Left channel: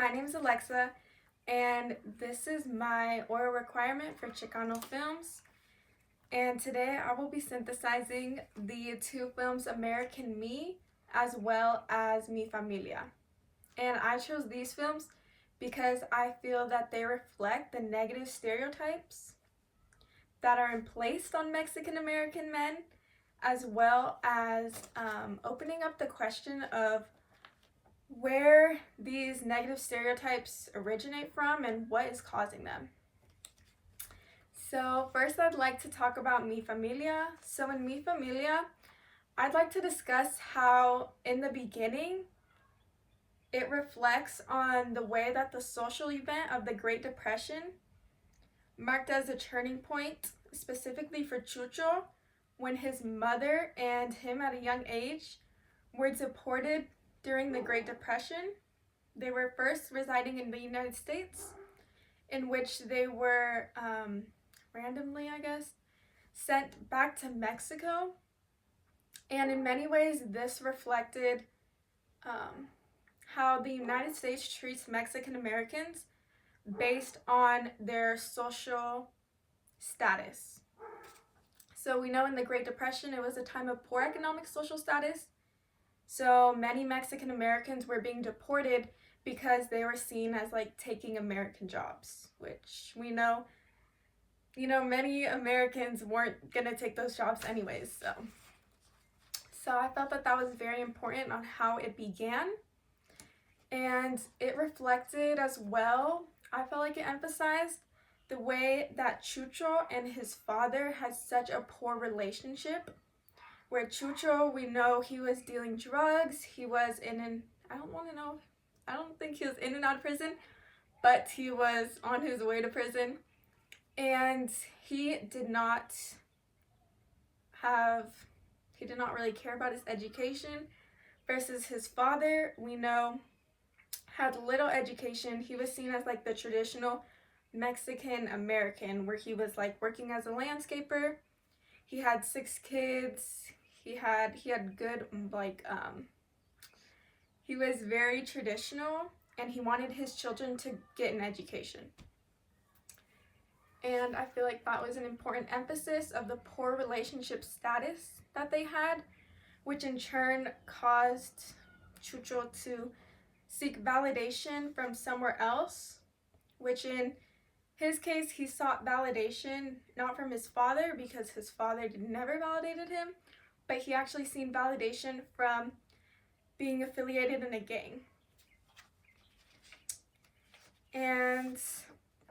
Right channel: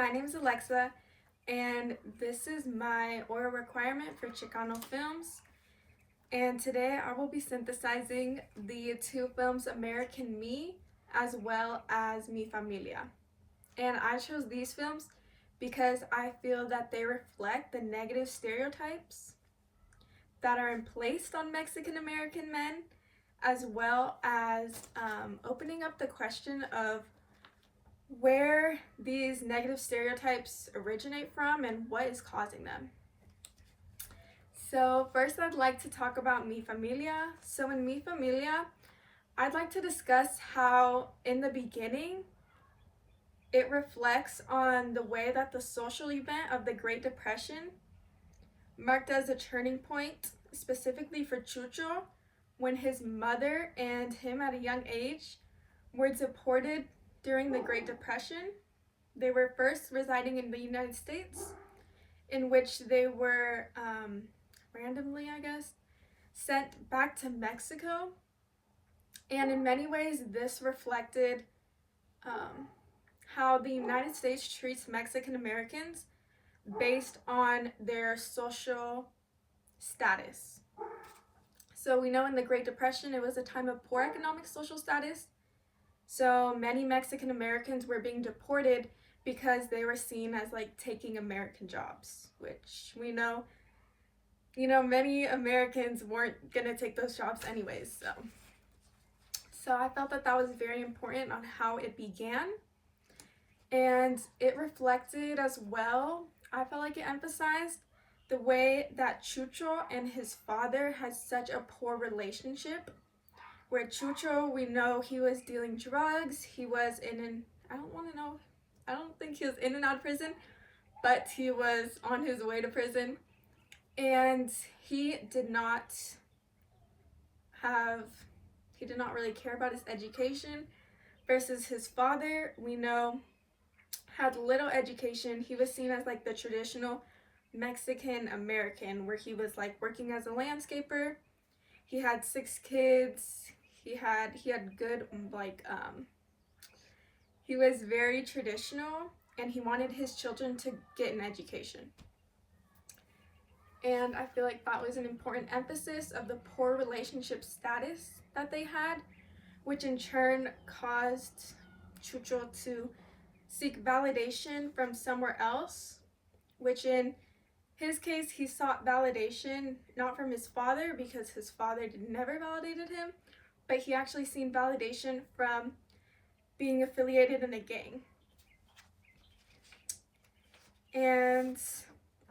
my name is Alexa, and this is my oral requirement for Chicano films. And today I will be synthesizing the two films American Me as well as Mi Familia. And I chose these films because I feel that they reflect the negative stereotypes that are placed on Mexican American men, as well as opening up the question of where these negative stereotypes originate from and what is causing them. So first I'd like to talk about Mi Familia. So in Mi Familia, I'd like to discuss how in the beginning it reflects on the way that the social event of the Great Depression marked as a turning point, specifically for Chucho, when his mother and him at a young age were deported during the Great Depression. They were first residing in the United States, in which they were randomly, sent back to Mexico. And in many ways, this reflected how the United States treats Mexican Americans based on their social status. So we know in the Great Depression, it was a time of poor economic social status. So many Mexican Americans were being deported because they were seen as like taking American jobs, which we know, many Americans weren't gonna take those jobs anyways. So I felt that that was very important on how it began. And it reflected as well, I felt like it emphasized the way that Chucho and his father had such a poor relationship, where Chucho, we know he was dealing drugs, he was I don't think he was in and out of prison, but he was on his way to prison, and he did not really care about his education, versus his father, we know, had little education. He was seen as like the traditional Mexican American, where he was like working as a landscaper. He had 6 kids. He had good he was very traditional, and he wanted his children to get an education. And I feel like that was an important emphasis of the poor relationship status that they had, which in turn caused Chucho to seek validation from somewhere else, which in his case, he sought validation not from his father, because his father never validated him, but he actually seen validation from being affiliated in a gang. And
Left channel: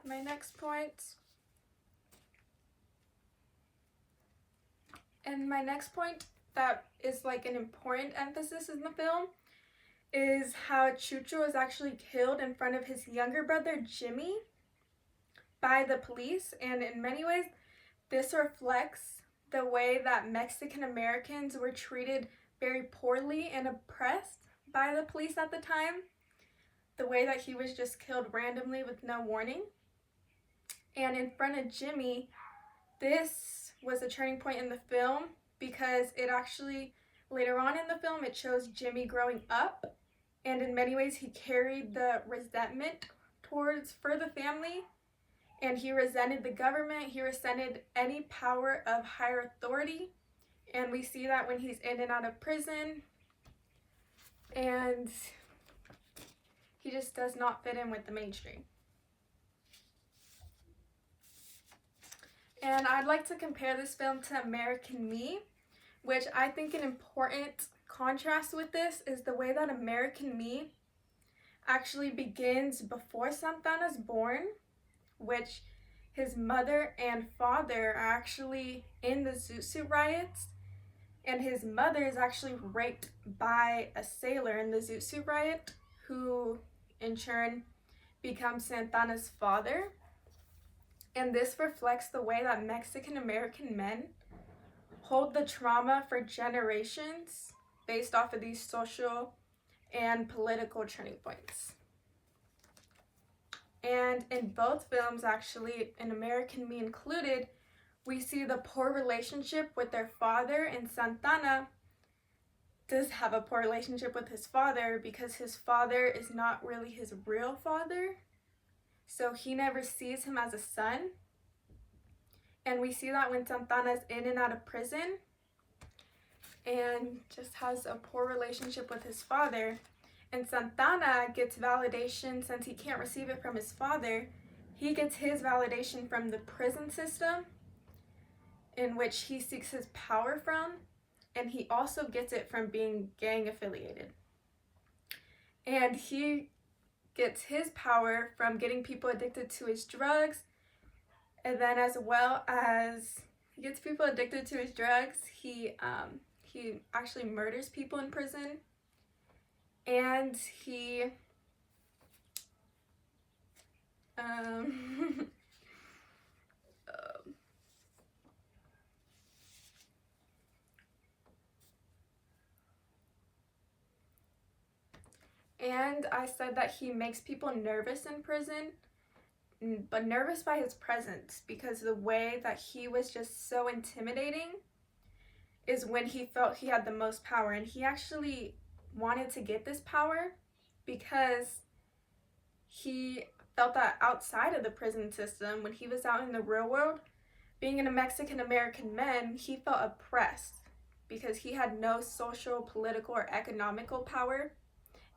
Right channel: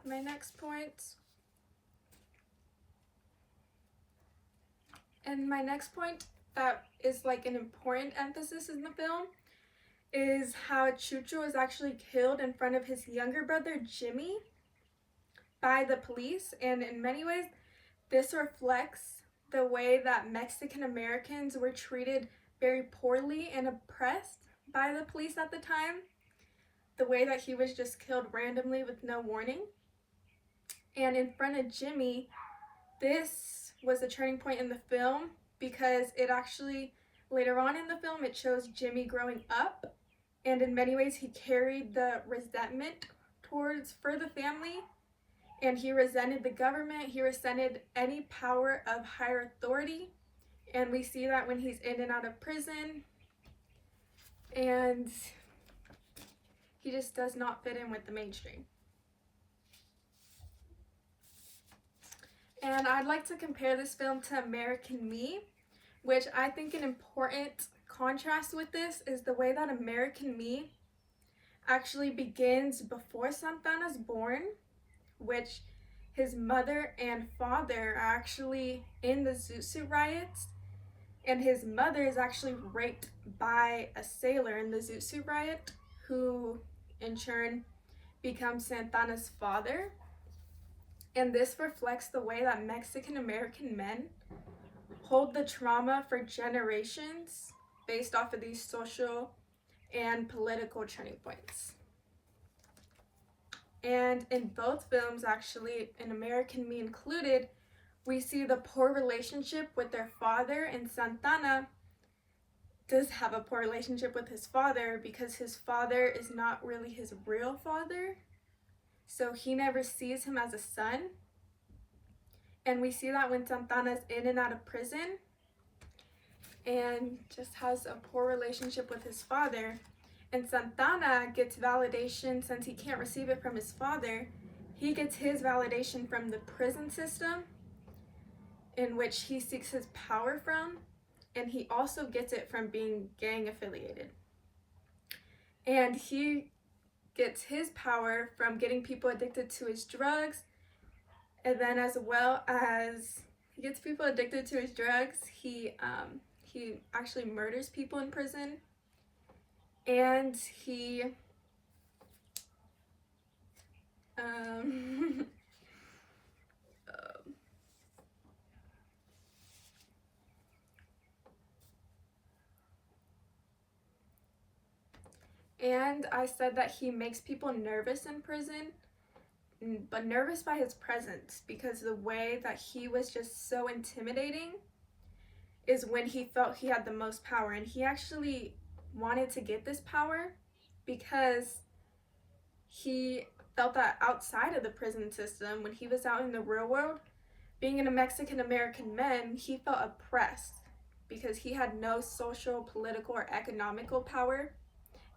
my next point that is like an important emphasis in the film is how Chucho is actually killed in front of his younger brother Jimmy by the police. And in many ways, this reflects the way that Mexican Americans were treated very poorly and oppressed by the police at the time. The way that he was just killed randomly with no warning. And in front of Jimmy, this was a turning point in the film, because it actually, later on in the film, it shows Jimmy growing up, and in many ways he carried the resentment for the family, and he resented the government, he resented any power of higher authority, and we see that when he's in and out of prison, and he just does not fit in with the mainstream. And I'd like to compare this film to American Me, which I think an important contrast with this is the way that American Me actually begins before Santana's born, which his mother and father are actually in the Zoot Suit riots, and his mother is actually raped by a sailor in the Zoot Suit riot, who in turn becomes Santana's father. And this reflects the way that Mexican American men hold the trauma for generations based off of these social and political turning points. And in both films, actually, in American Me included, we see the poor relationship with their father and Santana does have a poor relationship with his father because his father is not really his real father. So he never sees him as a son. And we see that when Santana's in and out of prison and just has a poor relationship with his father. And Santana gets validation since he can't receive it from his father. He gets his validation from the prison system in which he seeks his power from. And he also gets it from being gang affiliated. And he gets his power from getting people addicted to his drugs. And then as well as he gets people addicted to his drugs, he actually murders people in prison. And he and I said that he makes people nervous in prison, but nervous by his presence, because the way that he was just so intimidating is when he felt he had the most power. And he actually wanted to get this power because he felt that outside of the prison system, when he was out in the real world, being a Mexican American man, he felt oppressed because he had no social, political, or economical power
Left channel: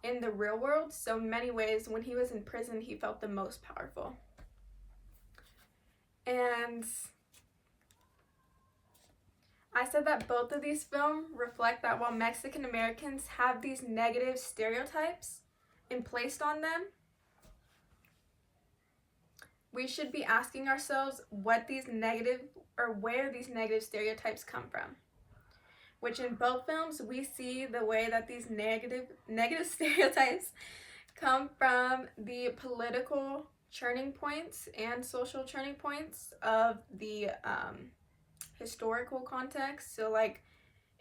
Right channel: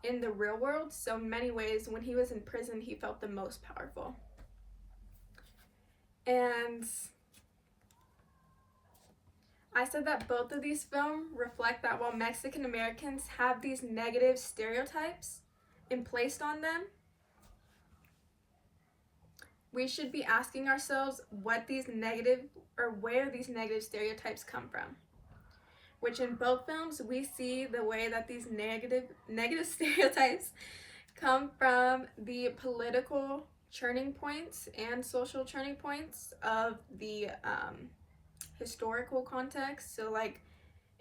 in the real world. So in many ways, when he was in prison, he felt the most powerful. And I said that both of these films reflect that while Mexican Americans have these negative stereotypes placed on them, we should be asking ourselves what these negative, or where these negative stereotypes come from. Which in both films, we see the way that these negative stereotypes come from the political turning points and social turning points of the historical context. So like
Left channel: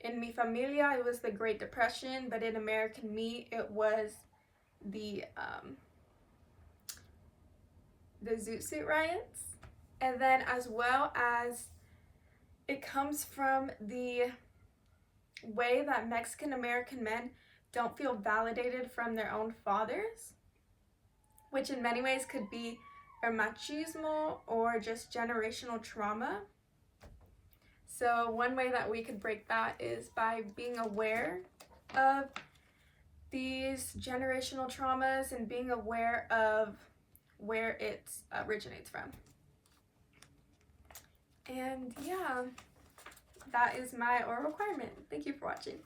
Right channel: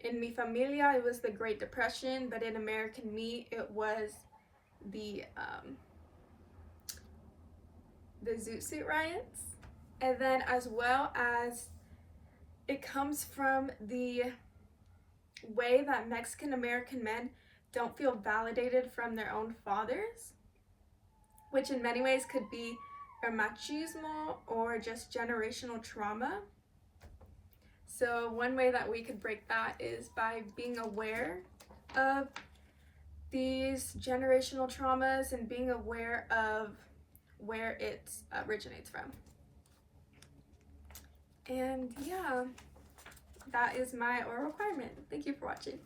in Mi Familia, it was the Great Depression, but in American Me, it was the Zoot Suit riots. And then as well as it comes from the way that Mexican American men don't feel validated from their own fathers, which in many ways could be a machismo or just generational trauma. So one way that we could break that is by being aware of these generational traumas and being aware of where it originates from. And yeah, that is my oral requirement. Thank you for watching.